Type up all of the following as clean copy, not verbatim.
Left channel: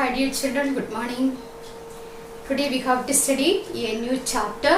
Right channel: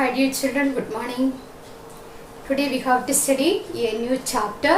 Hi dear children, good morning. Today we have to study a new chapter,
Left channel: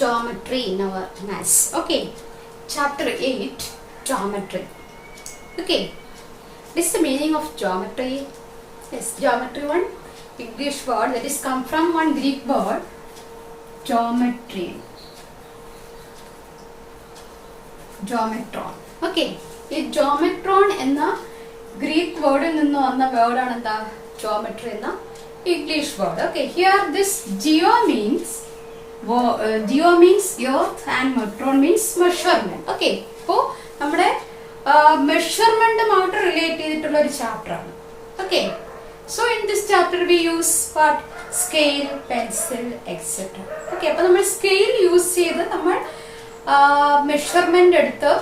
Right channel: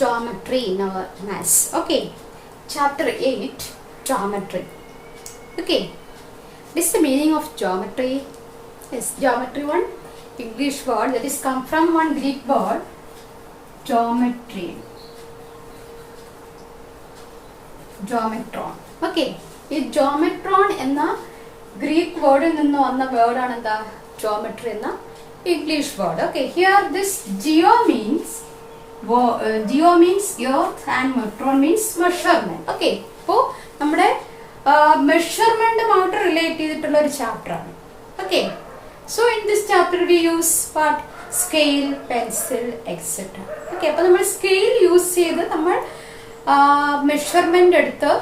geometry in our maths. Okay, chapter 8, geometry. Okay, what is the meaning of geometry? Yes, geometry, one English word that is come from one Greek word, geometry. Geometron. Okay, ഈ geometron എന്ന ഗ്രീക്ക് വേർഡിൽ നിന്ന് വന്ന വേർഡാണ് എന്താ geometry എന്ന English word. Okay, here this geo means earth and metron means measurement. Okay, അപ്പോൾ നമ്മുടെ മെഷർമെന്റുമായിട്ട് റിലേറ്റ് ചെയ്തിട്ടുള്ള ഒരു ചാപ്റ്റർ ആണ്. Okay, so in this chapter we use what? Scale, pencil, etc. Okay, അപ്പോൾ നമ്മൾ സ്കെയിൽ യൂസ് ചെയ്ത് നമ്മൾ മെഷർമെന്റ് എടുത്ത്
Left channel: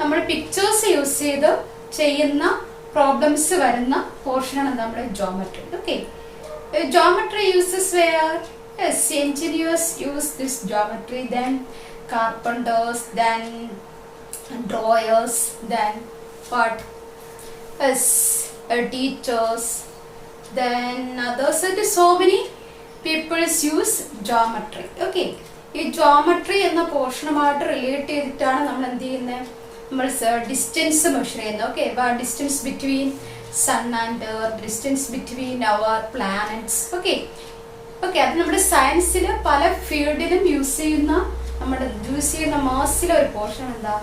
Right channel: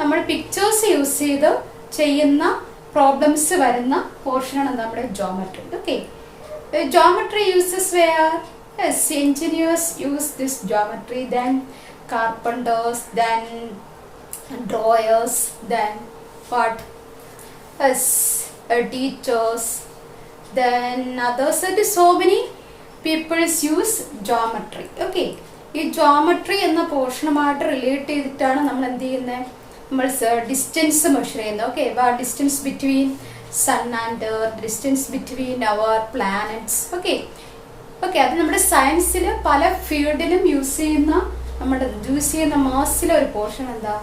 നമ്മൾ പിക്ചേഴ്സ് യൂസ് ചെയ്ത് ചെയ്യുന്ന പ്രോബ്ലംസ് വരുന്ന പോർഷനാണ് നമ്മുടെ geometry. Okay, geometry uses where engineers use this geometry, then carpenters, then drawers, then what? Teachers, then others. So many people use geometry. Okay, ഈ ജോമെട്രി എന്ന പോർഷനുമായിട്ട് റിലേറ്റ് ചെയ്തിട്ടാണ് നമ്മൾ എന്ത് ചെയ്യുന്നത്, നമ്മൾ ഡിസ്റ്റൻസ് മെഷർ ചെയ്യുന്നത്. Okay, distance between sun and earth, distance between our planets. Okay, അത് നമ്മുടെ സയൻസിൽ പല ഫീൽഡിലും യൂസ് ചെയ്യുന്ന മാസിലെ ഒരു പോർഷൻ എന്താ,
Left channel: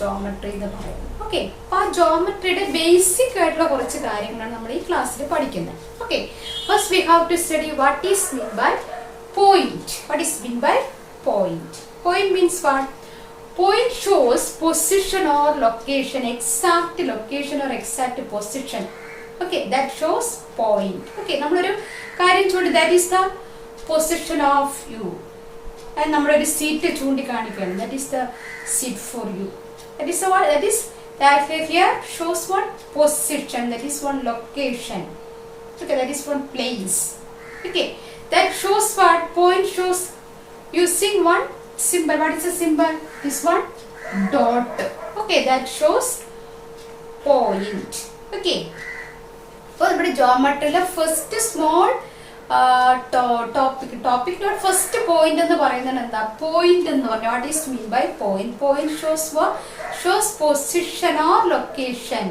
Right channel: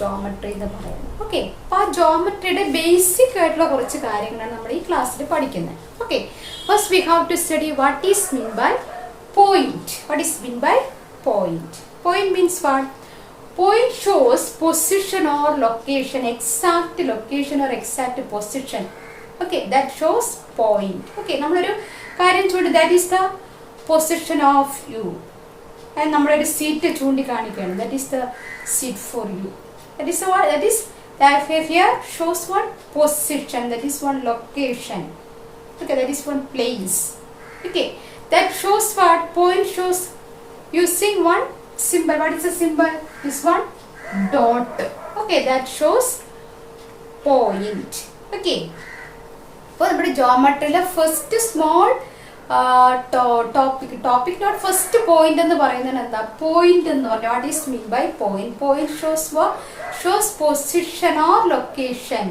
ജോമെട്രി എന്ന് പറയുന്നത്. ഓക്കെ, അപ്പൊ ആ ജോമെട്രിയുടെ ബേസിക് ആയിട്ടുള്ള കുറച്ച് കാര്യങ്ങളാണ് നമ്മൾ ഈ ക്ലാസ്സിൽ പഠിക്കുന്നത്. Okay, first we have to study what is mean by point. What is mean by point? Point means what? Point shows position or location, exact location or exact position. Okay, that shows point. Okay, നമ്മളൊരു കാര്യം ചൂണ്ടി, that is the position of you. And നമ്മളൊരു സീറ്റ് ചൂണ്ടിക്കാണിക്കുകയാണ്, that is the seat for you. That is what? That here shows one position, that is one location. Okay, that is one place. Okay, that shows what? Point shows using one symbol. What is the symbol? This one, dot. Okay, that shows point. Okay, for the geometry first small topic not first point എന്ന് പറയുന്നത് എന്താ, point എന്ന് പറഞ്ഞാൽ what is mean by point? Point shows what? Shows position or location,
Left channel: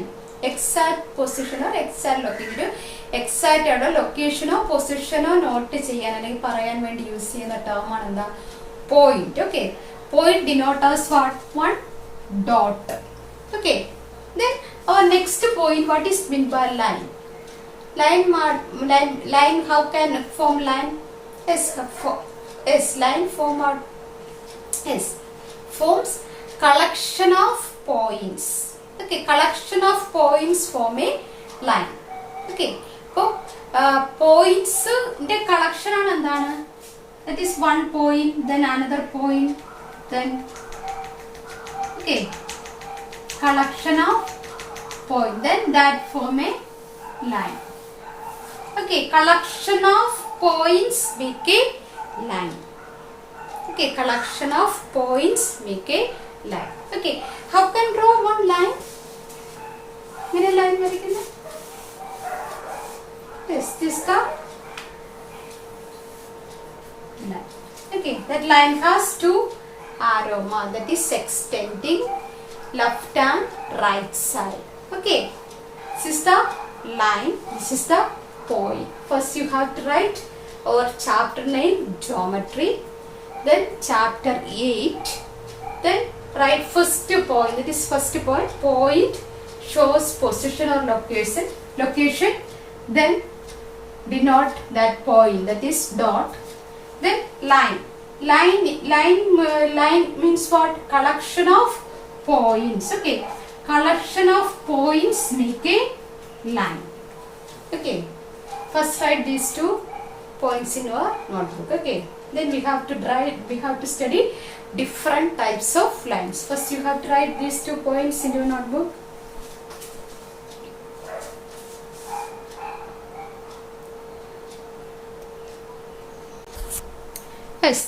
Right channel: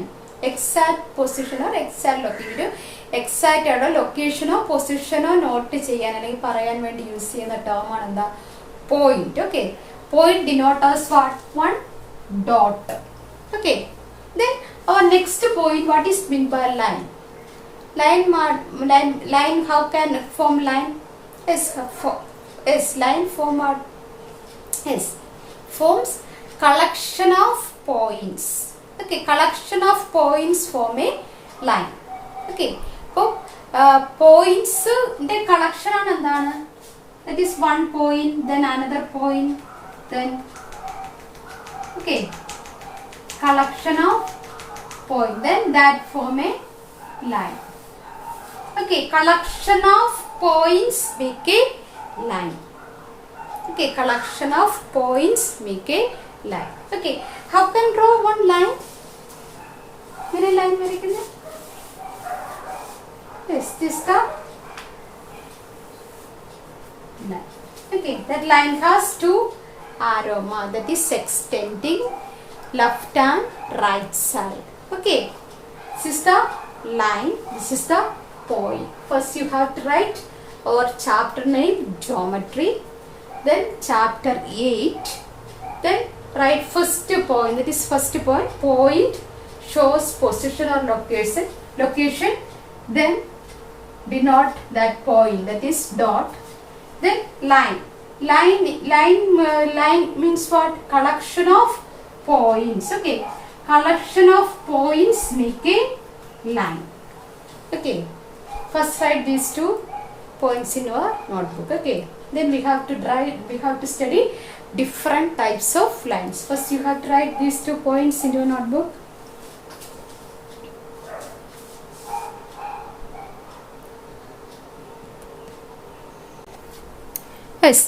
exact position or exact location. Exact ആയിട്ടോ ലൊക്കേഷനോ പൊസിഷനോ നോട്ട് ചെയ്യാൻ അല്ലെങ്കിൽ പറയാൻ വേണ്ടി യൂസ് ചെയ്യുന്ന ടേം ആണ് എന്താ, point. Okay, point denote as what? One dot. Okay, then our next point, what is mean by line? Line how can form line? Line forms collection of points. Okay, collection of points form a line. Okay, അപ്പോൾ പോയിന്റ്സിന്റെ കളക്ഷൻ ആണ് എന്താണ്, that is one point, then another point, then okay, collection of point, then that form a line. Okay, collection of points make a line. Okay, collection of points make a line. Okay, how can draw one line? mere line varikkunnu. Yes, this the line. Okay, that line has two arrow mark, that is extending left and right side. Okay, this is the line, this is the point. First you have to write our chapter 9 geometry, then chapter 8, then write first point, that is first point. Point shows position or location, then denote that point, that is dot. Then line means what? Collection of points. Okay, collection of points make a line. Okay, first write these two points in your notebook. Okay, then we have to study different types of lines. First you have to write these 2 points in your notebook. Yes,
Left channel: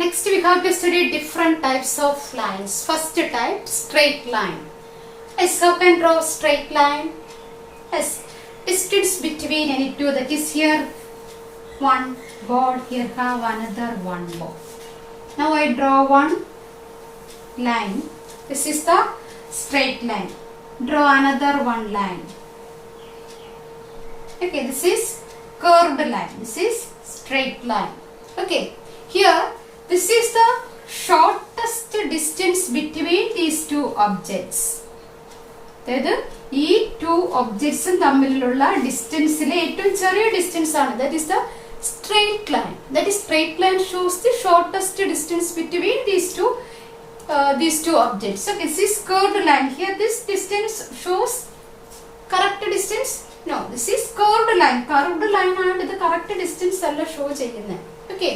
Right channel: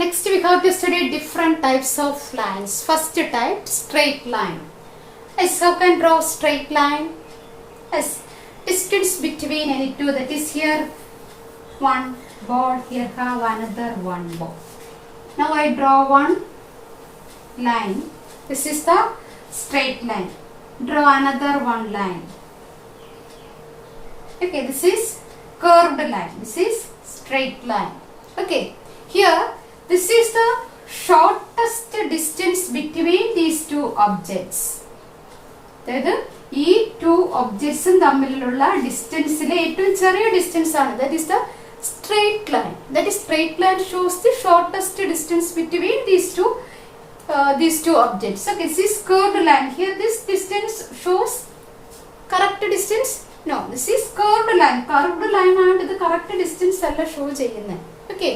next we have to study different types of lines. First type, straight line. Yes, how can draw straight line? Yes, is distance between any two, that is here one ball, here have another one ball. Now I draw one line. This is the straight line. Draw another one line. Okay, this is curved line. This is straight line. Okay, here this is the shortest distance between these two objects. അതായത് ഈ ടു ഒബ്ജക്ട്സും തമ്മിലുള്ള ഡിസ്റ്റൻസിലെ ഏറ്റവും ചെറിയ ഡിസ്റ്റൻസ് ആണ്. That is the straight line. That is straight line shows the shortest distance between these two objects. Okay, this is curved line. Here this distance shows correct distance. No, this is curved line. Curved line ആണ് ഇത് correct distance അല്ല ഷോ ചെയ്യുന്നത്. Okay,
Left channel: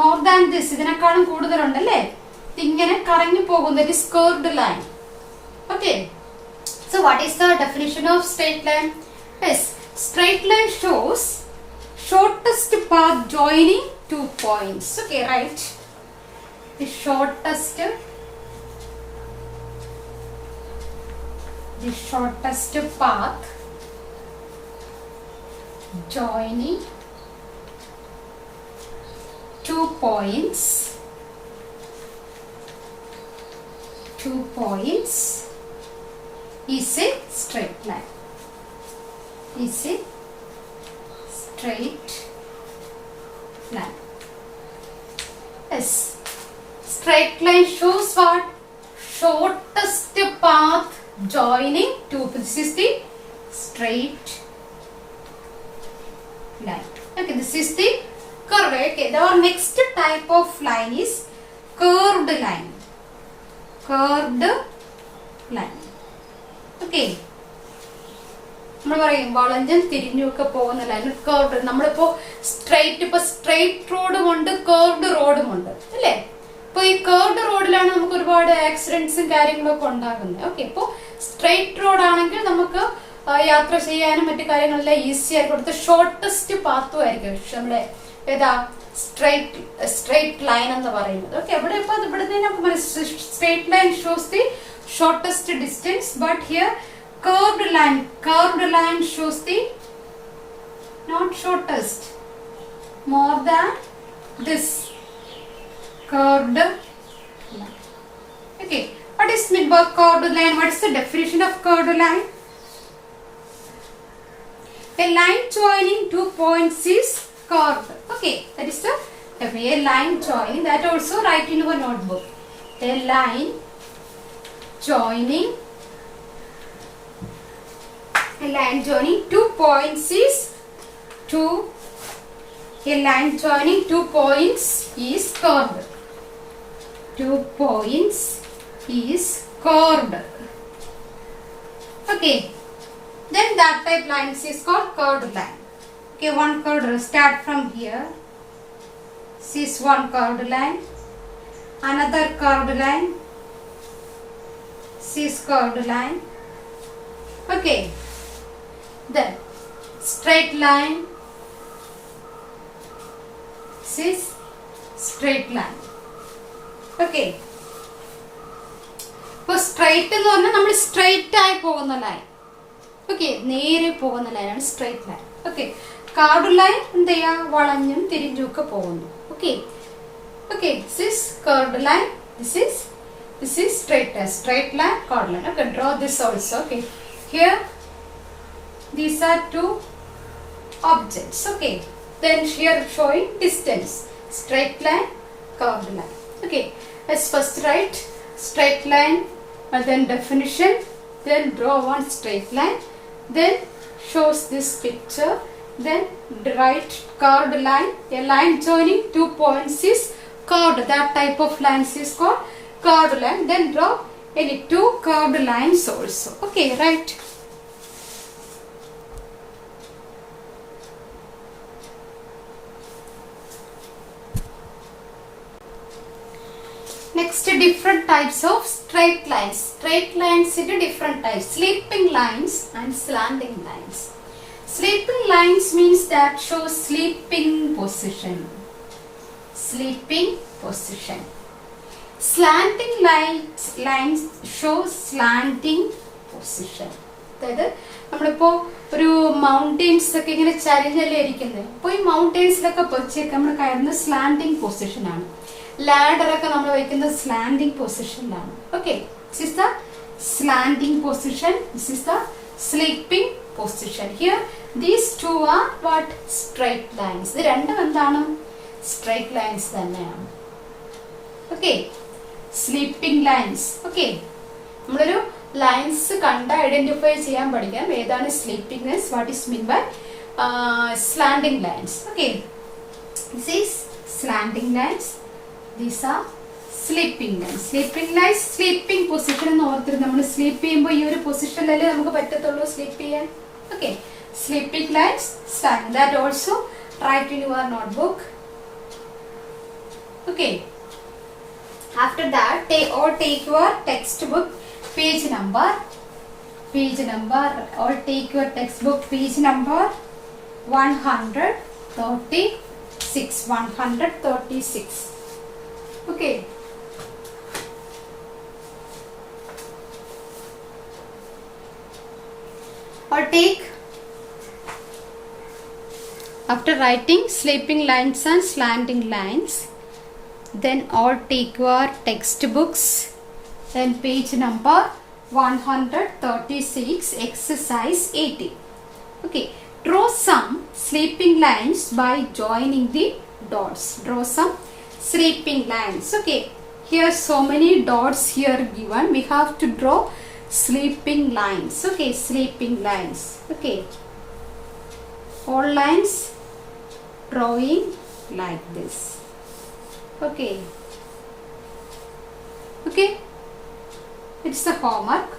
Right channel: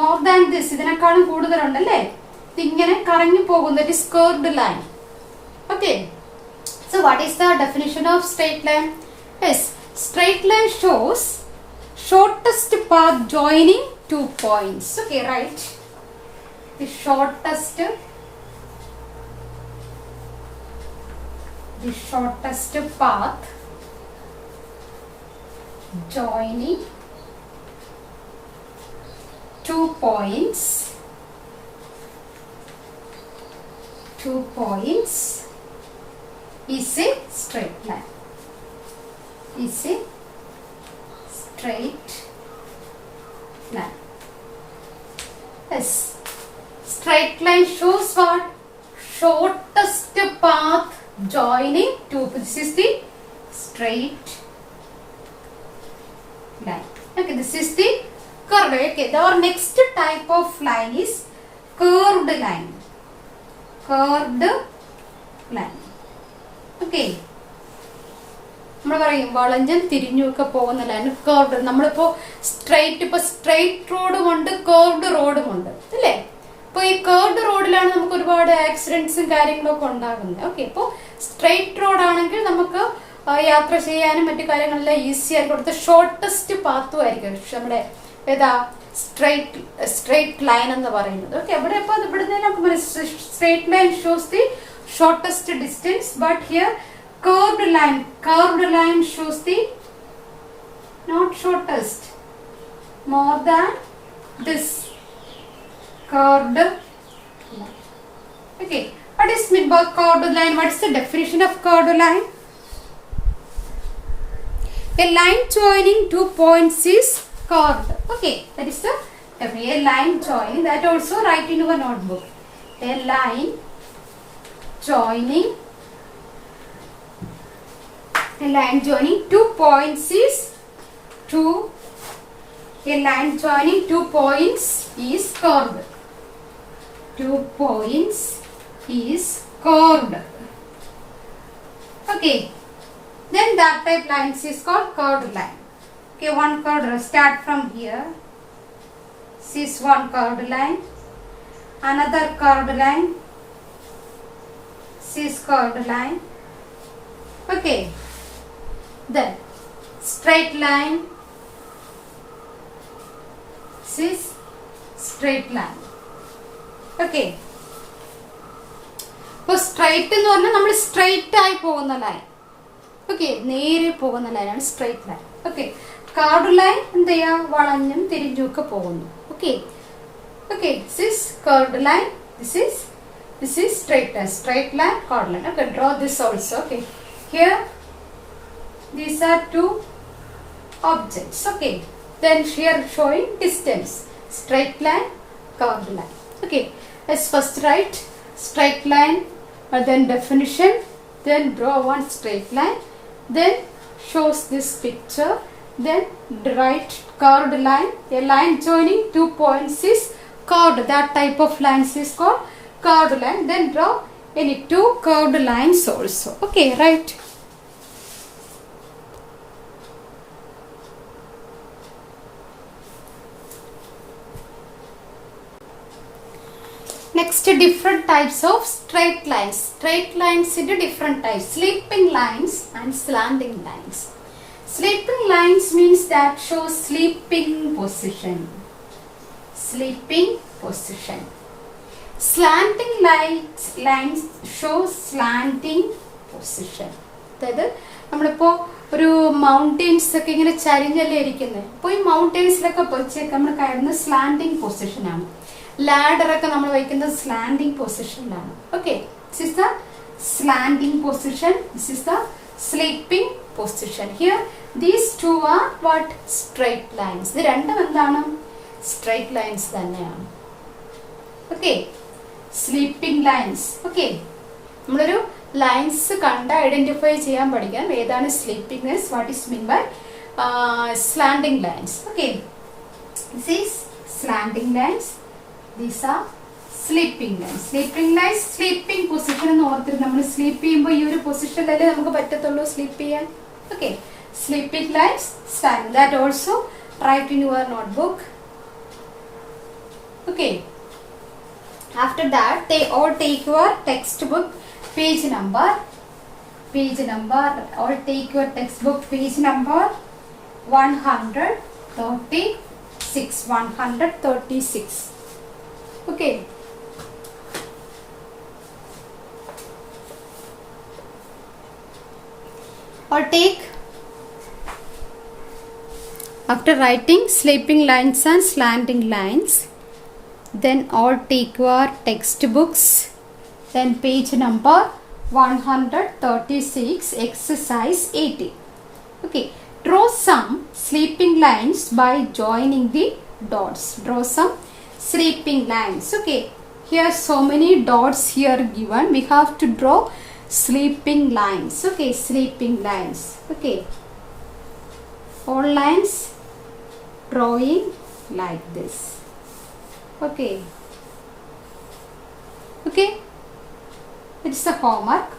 more than this, ഇതിനേക്കാളും കൂടുതലുണ്ടല്ലേ, ഇതിങ്ങനെ കറങ്ങി പോകും. That is curved line. Okay, so what is the definition of straight line? Yes, straight line shows shortest path joining two points. Okay, right. The shortest path joining two points is a straight line. Is a straight line. Yes, straight line shows what? Shortest path joining two. This is the straight line. Okay, this is the curved. Okay, our next type of line is curved line. Curved line. Okay, നമ്മൾ പറയും വളഞ്ഞൻ തിരിഞ്ഞൊക്കെ പോകുന്ന line curved. നമ്മളിപ്പോ സ്ട്രെയിറ്റ് റോഡും ഉണ്ട്, കർവ്ഡ് റോഡും ഉണ്ട് അല്ലേ. ഇപ്പൊ ഈ കർവ്ഡ് റോഡിലാണ് നമുക്ക് ഒരുപാട് ആക്സിഡന്റ്സും കാര്യങ്ങളൊക്കെ ഉണ്ടാകുന്നത്. ഓക്കെ, ഇപ്പൊ സ്ട്രെയിറ്റ് റോഡ് ആണെങ്കിൽ നമുക്ക് യാത്ര ചെയ്യാനും മറ്റു കാര്യങ്ങളെല്ലാം ഈസി ആയിട്ട് കൊടുത്ത് ഷോർട്ടസ്റ്റ് പാത്തും ആയിരിക്കും നമ്മുടെ ഏതാ സ്ട്രെയിറ്റ് ലൈൻ എന്ന് പറയുന്നത്. ഓക്കെ, ഇവിടെ ഇപ്പൊ ഇവിടെ straight line shows the shortest distance, but here curved line shows the not shortest, more than this curved line. Okay, what is meant by curved line? What is the definition of curved line? A line joining two points is curved. Okay, that is the a line joining. That also write in your notebook. A line joining two points is a line joining two points is curved. 2 points is curved. Okay, then that type lines is called curved line. Okay, one curved, start from here. This is one curved line, another curved line, this is curved line. Okay, then straight line, this is straight line. Okay, ഇപ്പോൾ സ്ട്രൈറ്റ് എന്ന് പറഞ്ഞാൽ നമ്മൾ സ്ട്രൈറ്റ് ആയി പോകുന്ന line. Okay, നേരെ പോകുന്ന ലൈനാണ് straight line. Okay, curved line എന്ത് ചെയ്യാ, വളഞ്ഞും തിരിഞ്ഞും ഒക്കെ പോകുന്നു. Okay, this is curved line, this is straight line, curved line. Okay, draw this also. Okay, here these are two objects. Okay, then here showing distance, straight line, curved line. Okay, let's first write straight line, then definition, then draw one straight line, then shows this picture, then write curved line. A line joining two points is curved. That type of lines is called curved line. Then draw any two curved lines also. Okay, right. Next, different types of straight lines. Straight lines into different types: sleeping lines and slanting lines. Sleeping lines means that shows sleeping position. Slanting lines show slanting position. അതായത് നമ്മളിപ്പോ ഒരു മൗണ്ടെയിൻസ് ഒക്കെ ഇങ്ങനെ ചരിഞ്ഞല്ലേ ഇരിക്കുന്നത്. അപ്പൊ ഈ മൗണ്ടെയിൻസിലൊക്കെ വെച്ചേക്ക് നമ്മൾ കയറുന്ന സ്ലാൻഡിങ് പൊസിഷനാണ്. ലാഡർ ഒക്കെ നമ്മൾ വയ്ക്കുന്നത് സ്ലാൻഡിങ് പൊസിഷനിലാണ്. Okay, this is the slanting position, this is the sleeping position. Here these two are what? Straight lines. ഇത് രണ്ടും എന്താണ്? സ്ട്രൈറ്റ് ലൈൻസ് തന്നെയാണ്. Okay, sleeping lines. ഓക്കെ, നമ്മളൊരു ലൈൻസ് കണ്ട് ഐഡന്റിഫൈ ചെയ്യാൻ പഠിക്കാം ഏതാണ് sleeping lines, what is mean by slanting lines. Okay, this is slanting lines, these are sleeping lines. Sleeping lines sleeping position എന്ന് ഓർത്തിട്ട് നമ്മൾ സ്ലീപ്പ് ചെയ്യുമ്പോൾ ഈ ഒരു പൊസിഷനിലല്ലേ നമുക്ക് പറ്റത്തുള്ളൂ സ്ലീപ്പ് ചെയ്യാൻ. Okay, sleeping lines slanting. That also write in your notebook. Okay, after that take your textbook page number, or take your textbook page number 136. Okay, or take, after writing sleeping lines and slanting lines, then all take your textbooks, then page number 136, exercise 80. Okay, draw some sleeping lines by joining the dots. Draw some sleeping lines. Okay, here so many dots here given, we have to draw sleeping lines. Okay, sleeping lines. Okay, all lines drawing like this. Okay, okay, it's a homework.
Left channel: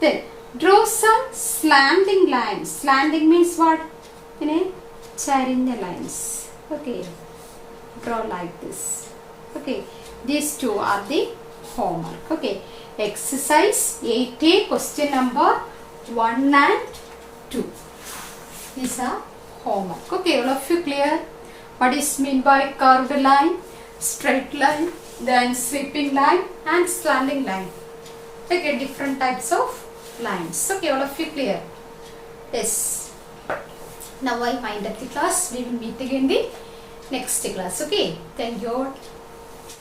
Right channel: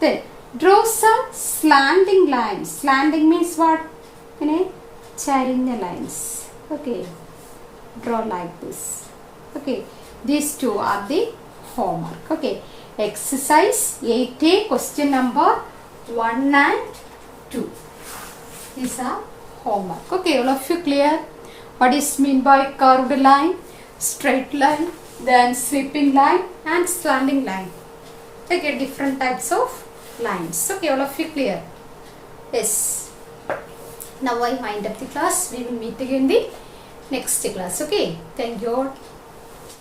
Then draw some slanting lines. Slanting means what? Charinya lines. Okay, draw like this. Okay, these two are the homework. Okay, exercise 80, question number 1 and 2. These are homework. Okay, all of you clear what is mean by curved line, straight line, then sweeping line and slanting line? Okay, different types of lines. Okay, all of you clear? Yes. Now I wind up the class. We will meet again in the next class. Okay, thank you all.